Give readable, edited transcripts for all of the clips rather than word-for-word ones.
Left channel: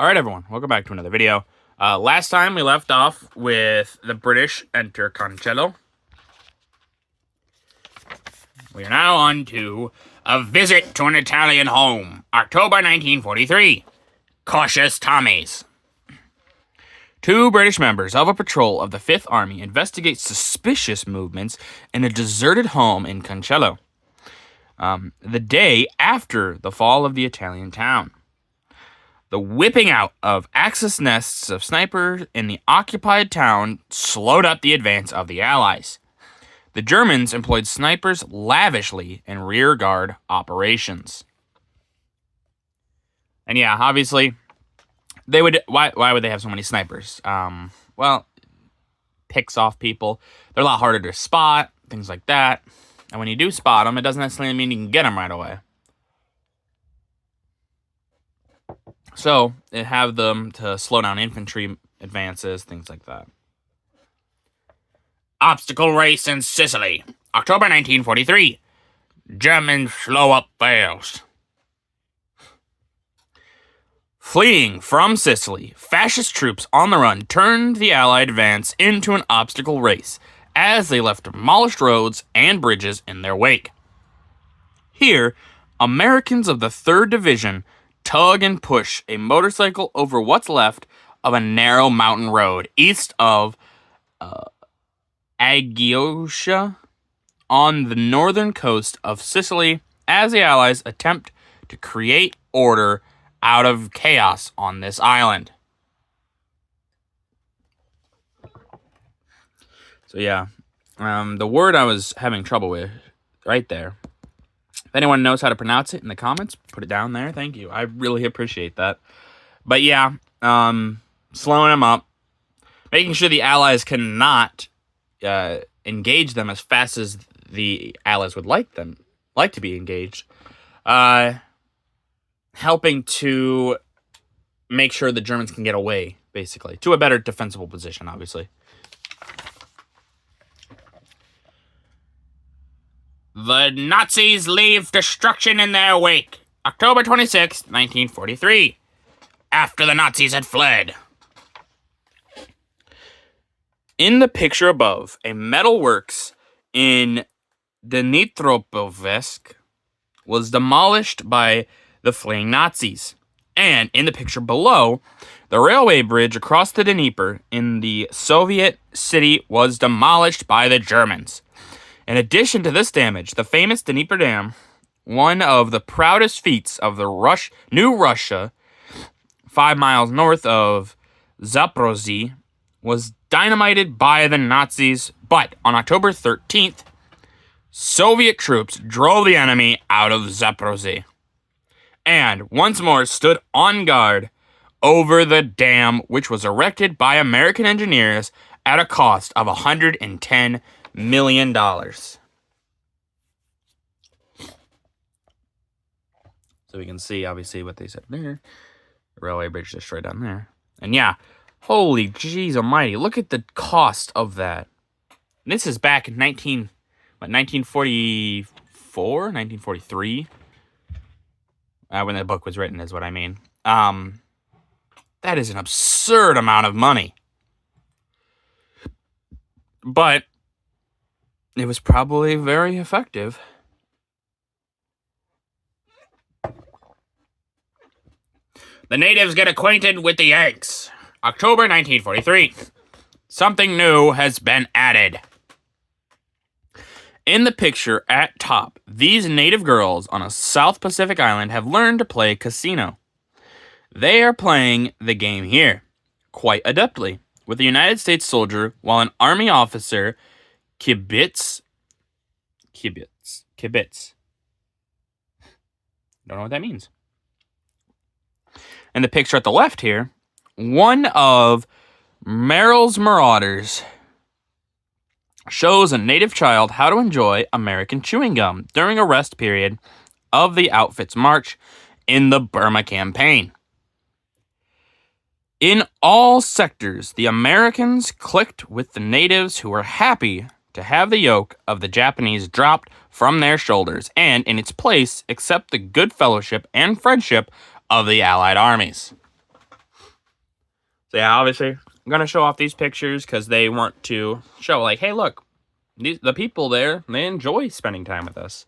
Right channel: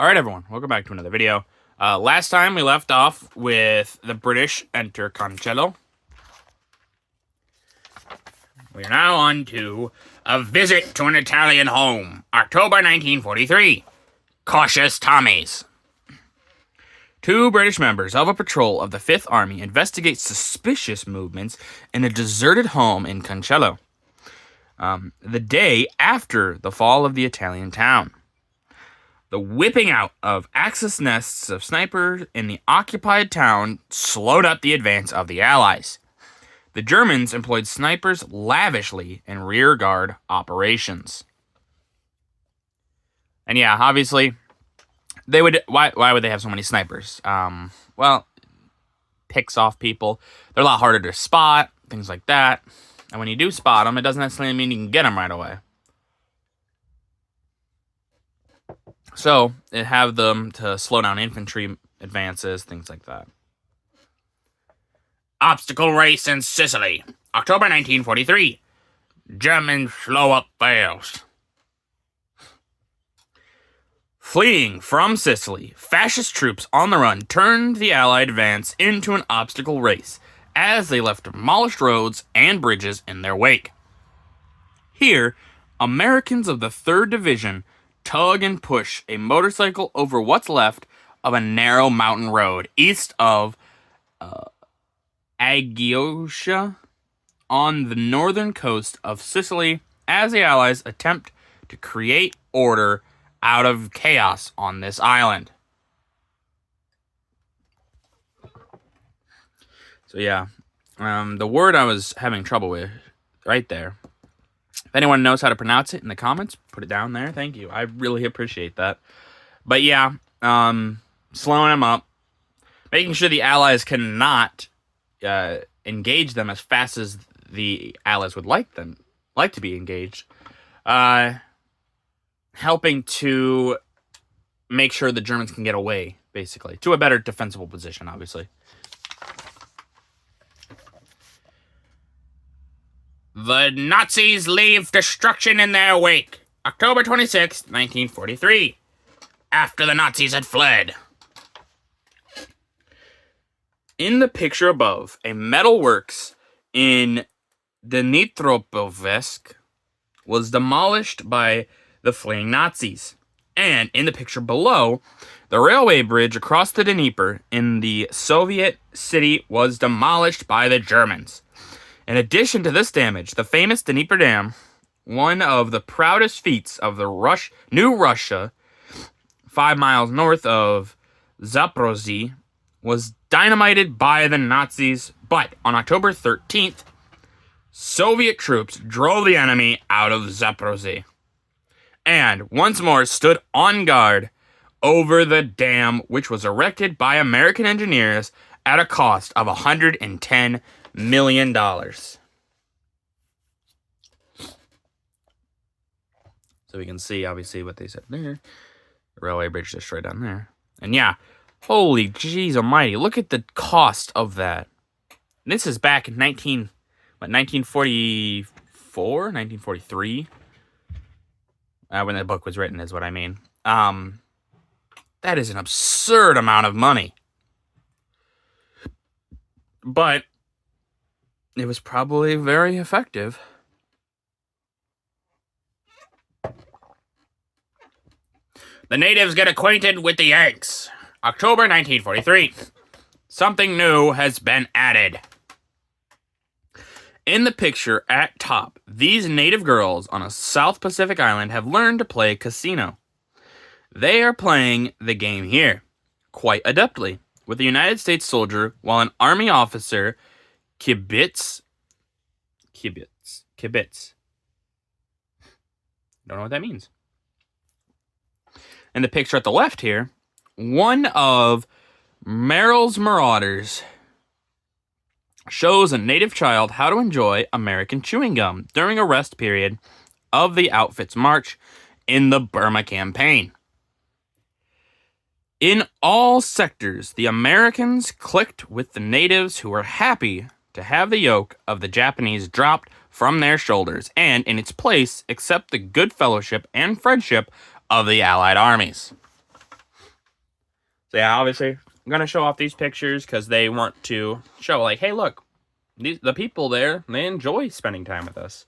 Alright everyone, welcome back to another video. Last time we left off with the British enter Cancello. We are now on to A Visit to an Italian Home, October 1943. Cautious Tommies. Two British members of a patrol of the 5th Army investigate suspicious movements in a deserted home in Cancello, the day after the fall of the Italian town. The whipping out of Axis nests of snipers in the occupied town slowed up the advance of the Allies. The Germans employed snipers lavishly in rearguard operations. And yeah, obviously, they would. Why would they have so many snipers? Well, picks off people. They're a lot harder to spot, things like that. And when you do spot them, it doesn't necessarily mean you can get them right away. So, it have them to slow down infantry advances, things like that. Obstacle race in Sicily, October 1943. Germans slow up fails. Fleeing from Sicily, fascist troops on the run turned the Allied advance into an obstacle race as they left demolished roads and bridges in their wake. Here, Americans of the 3rd Division tug and push a motorcycle over what's left of a narrow mountain road east of Agiotia on the northern coast of Sicily as the Allies attempt to create order out of chaos on this island. So yeah, the word I was having trouble with right there. If anyone knows how to pronounce it in the comments, put it down there. Thank you. I really appreciate that. But yeah, slowing them up, making sure the Allies cannot engage them as fast as the Allies would like to be engaged. Helping to make sure the Germans can get away, basically, to a better defensible position, obviously. The Nazis leave destruction in their wake, October 26, 1943, after the Nazis had fled. In the picture above, a metalworks in Dnipropetrovsk was demolished by the fleeing Nazis. And in the picture below, the railway bridge across the Dnieper in the Soviet city was demolished by the Germans. In addition to this damage, the famous Dnieper Dam, one of the proudest feats of the New Russia, 5 miles north of Zaporozhye, was dynamited by the Nazis, but on October 13th, Soviet troops drove the enemy out of Zaporozhye and once more stood on guard over the dam, which was erected by American engineers at a cost of $110 million. So we can see, obviously, what they said there. The railway bridge destroyed down there. And yeah, holy jeez almighty, look at the cost of that. This is back in 1944, 1943. When the book was written is what I mean. That is an absurd amount of money. But it was probably very effective. The natives get acquainted with the Yanks. October 1943. Something new has been added. In the picture at top, these native girls on a South Pacific island have learned to play casino. They are playing the game here, quite adeptly, with a United States soldier, while an Army officer, Kibitz. Don't know what that means. In the picture at the left here, one of Merrill's Marauders shows a native child how to enjoy American chewing gum during a rest period of the outfit's march in the Burma campaign. In all sectors, the Americans clicked with the natives who were happy to have the yoke of the Japanese dropped from their shoulders and, in its place, accept the good fellowship and friendship of the Allied armies. So yeah, obviously, I'm going to show off these pictures because they want to show, like, hey, look, the people there, they enjoy spending time with us.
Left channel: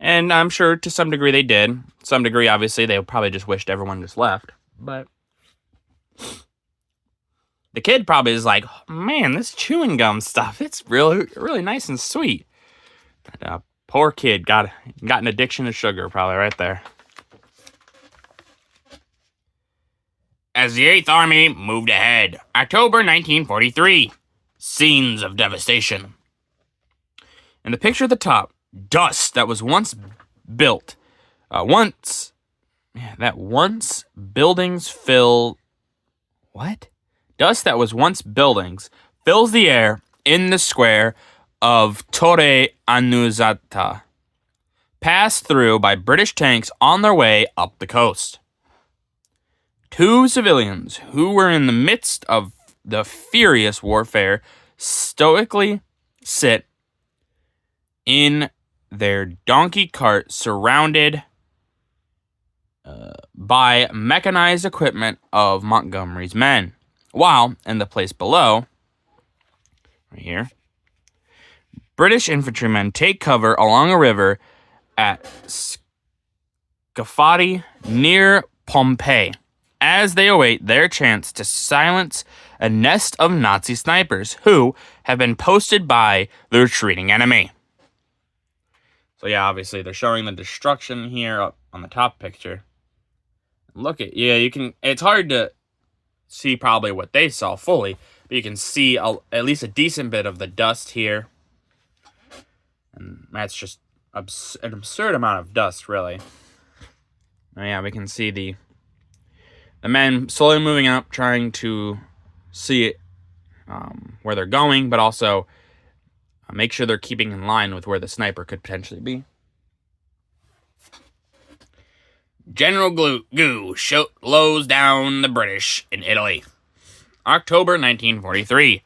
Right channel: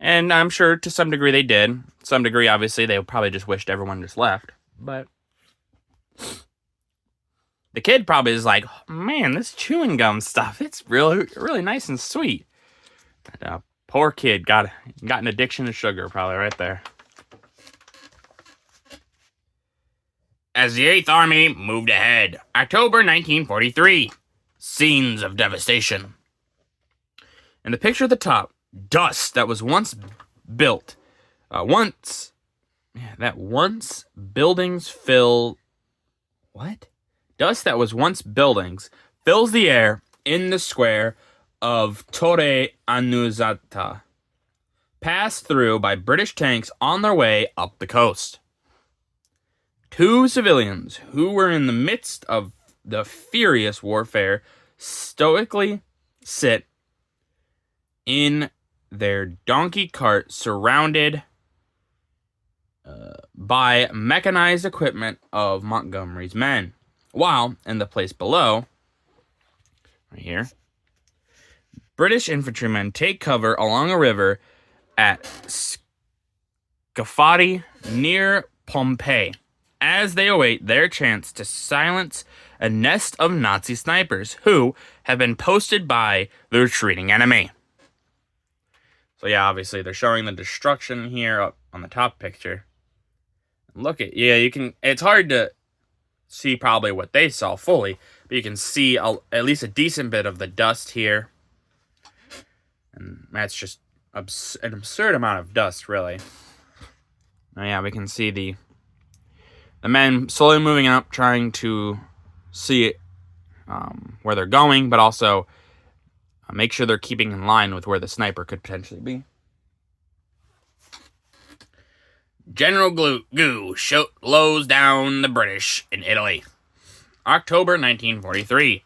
And I'm sure to some degree they did. Some degree, obviously, they probably just wished everyone just left. But the kid probably is like, man, this chewing gum stuff, it's really, really nice and sweet. But, poor kid got an addiction to sugar probably right there. As the 8th Army moved ahead, October 1943, scenes of devastation. In the picture at the top, dust that was once built, once buildings fill, what? Dust that was once buildings fills the air in the square of Torre Annunziata, passed through by British tanks on their way up the coast. 2 civilians who were in the midst of the furious warfare stoically sit in their donkey cart surrounded by mechanized equipment of Montgomery's men. While in the place below, right here, British infantrymen take cover along a river at Scafati near Pompeii as they await their chance to silence a nest of Nazi snipers who have been posted by the retreating enemy. So yeah, obviously they're showing the destruction here up on the top picture. Look at, yeah, you can, it's hard to see probably what they saw fully, but you can see at least a decent bit of the dust here. And that's just an absurd amount of dust, really. Oh yeah, we can see the men slowly moving up, trying to see where they're going, but also make sure they're keeping in line with where the sniper could potentially be. General Goo slows down the British in Italy. October 1943.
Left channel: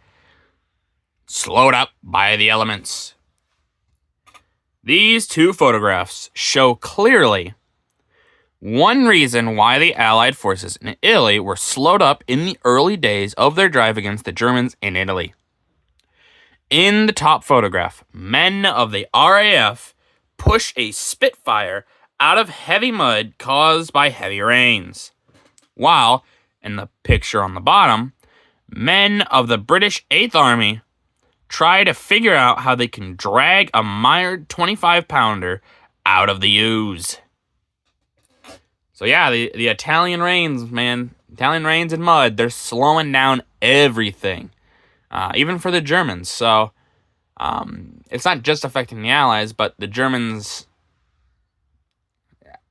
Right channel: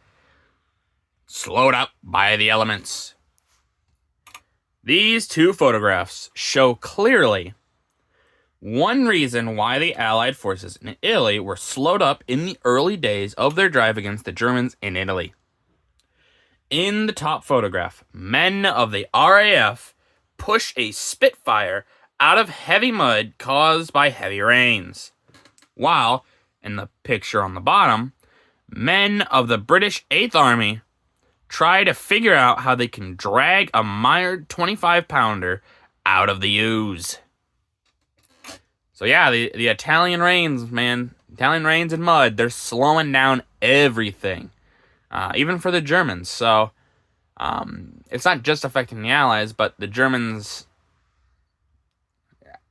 Slowed up by the elements. These 2 photographs show clearly one reason why the Allied forces in Italy were slowed up in the early days of their drive against the Germans in Italy. In the top photograph, men of the RAF push a Spitfire out of heavy mud caused by heavy rains, while, in the picture on the bottom, men of the British 8th Army try to figure out how they can drag a mired 25-pounder out of the ooze. So yeah, the Italian rains, man. Italian rains and mud, they're slowing down everything. Even for the Germans. So it's not just affecting the Allies, but the Germans,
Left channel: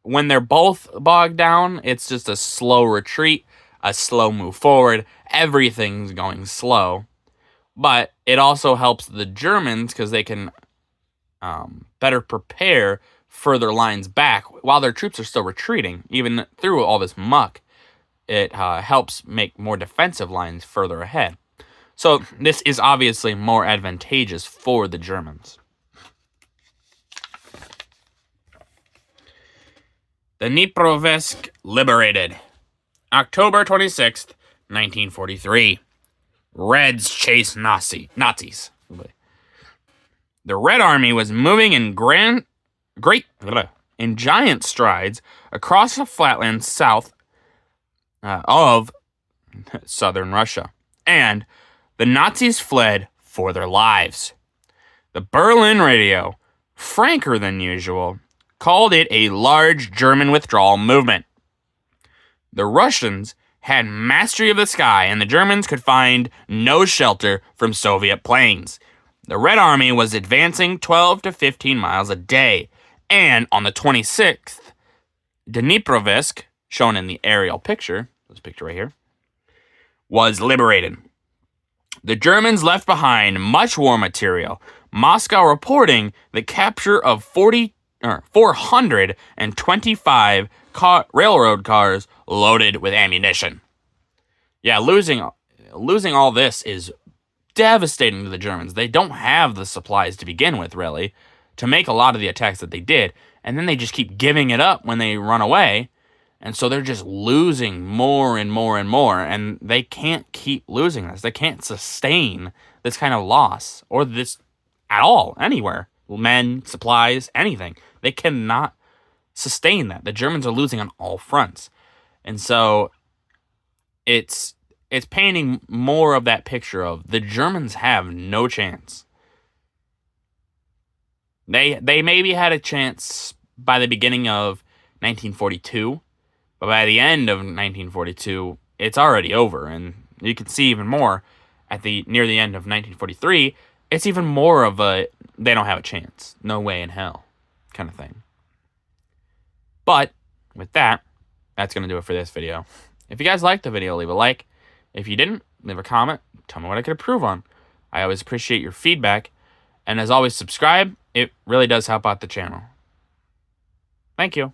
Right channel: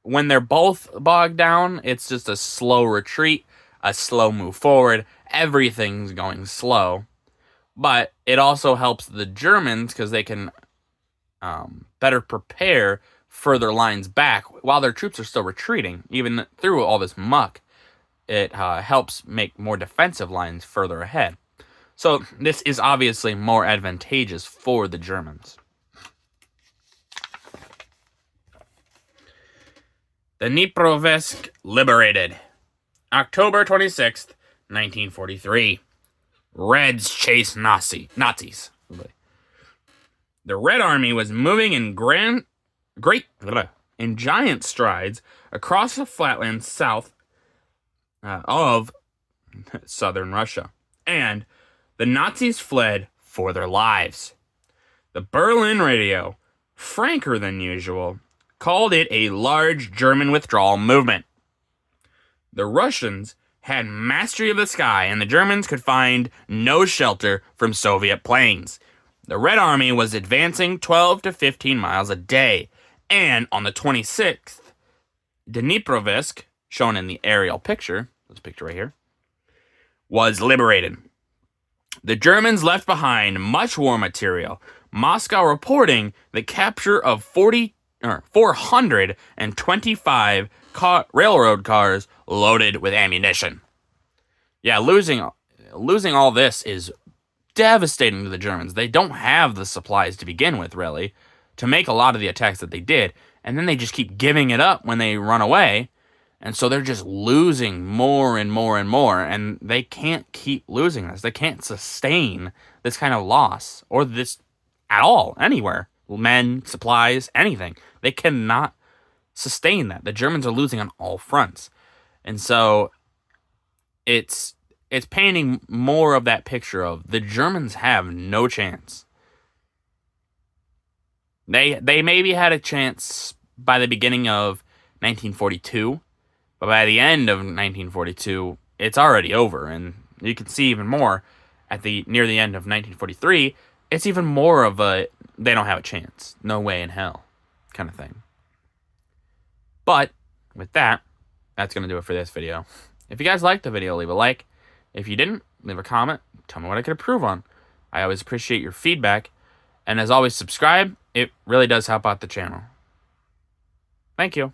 when they're both bogged down, it's just a slow retreat, a slow move forward. Everything's going slow. But it also helps the Germans because they can better prepare further lines back while their troops are still retreating. Even through all this muck, it helps make more defensive lines further ahead. So this is obviously more advantageous for the Germans. The Dnipropetrovsk liberated. October 26th, 1943. Reds chase Nazis. The Red Army was moving in giant strides across the flatlands south of southern Russia, and the Nazis fled for their lives. The Berlin radio, franker than usual, called it a large German withdrawal movement. The Russians had mastery of the sky, and the Germans could find no shelter from Soviet planes. The Red Army was advancing 12 to 15 miles a day, and on the 26th, Dnipropetrovsk, shown in the aerial picture, this picture right here, was liberated. The Germans left behind much war material, Moscow reporting the capture of 425 railroad cars loaded with ammunition. Yeah, losing all this is devastating to the Germans. They don't have the supplies to begin with, really, to make a lot of the attacks that they did, and then they just keep giving it up when they run away. And so they're just losing more and more and more, and they can't keep losing this. They can't sustain this kind of loss, or this at all, anywhere. Men, supplies, anything. They cannot sustain that. The Germans are losing on all fronts. And so it's painting more of that picture of the Germans have no chance. They maybe had a chance by the beginning of 1942, but by the end of 1942, it's already over. And you can see even more near the end of 1943, it's even more of a they don't have a chance, no way in hell kind of thing. But with that, that's going to do it for this video. If you guys liked the video, leave a like. If you didn't, leave a comment. Tell me what I could improve on. I always appreciate your feedback. And as always, subscribe. It really does help out the channel. Thank you.